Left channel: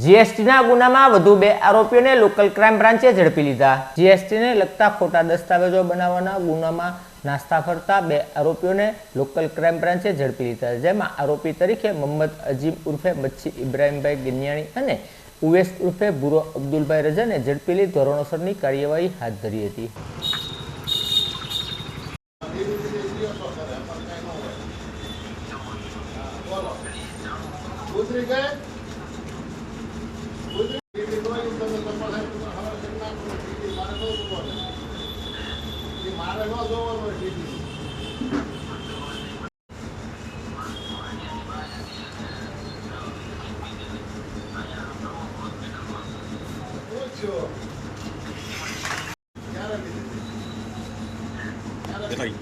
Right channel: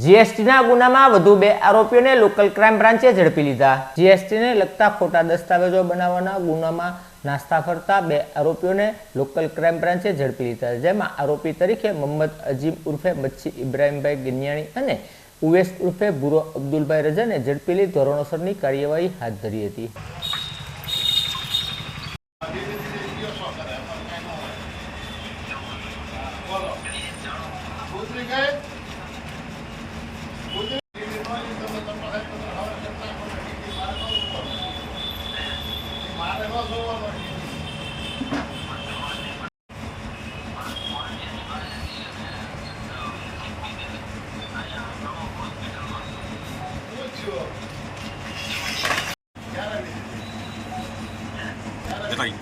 જીએસટીના ગુનામાં વધુ બે આરોપીઓને લોકલ ક્રાઇમ બ્રાન્ચે ઝડપી લીધા. જીએસટીને લગતા ખોટા દસ્તાવેજો બનાવવાના ગુનામાં નાસ્તા ફરતા બે આરોપીઓને લોકલ ક્રાઇમ બ્રાન્ચે ઝડપી લીધા. જેમાં આરોપી તરીકે મોહમ્મદ અજીમ ઉર્ફે મચ્છી ઇબ્રાહીમભાઈ ગિન્યાણી અને ઉવેસ ઉર્ફે બુરો અબ્દુલભાઈ રજાને ઝડપી લઈ ધોરણોસરની કાર્યવાહી હાથ ધરી હતી. ઉતરી ગઈ. でかい。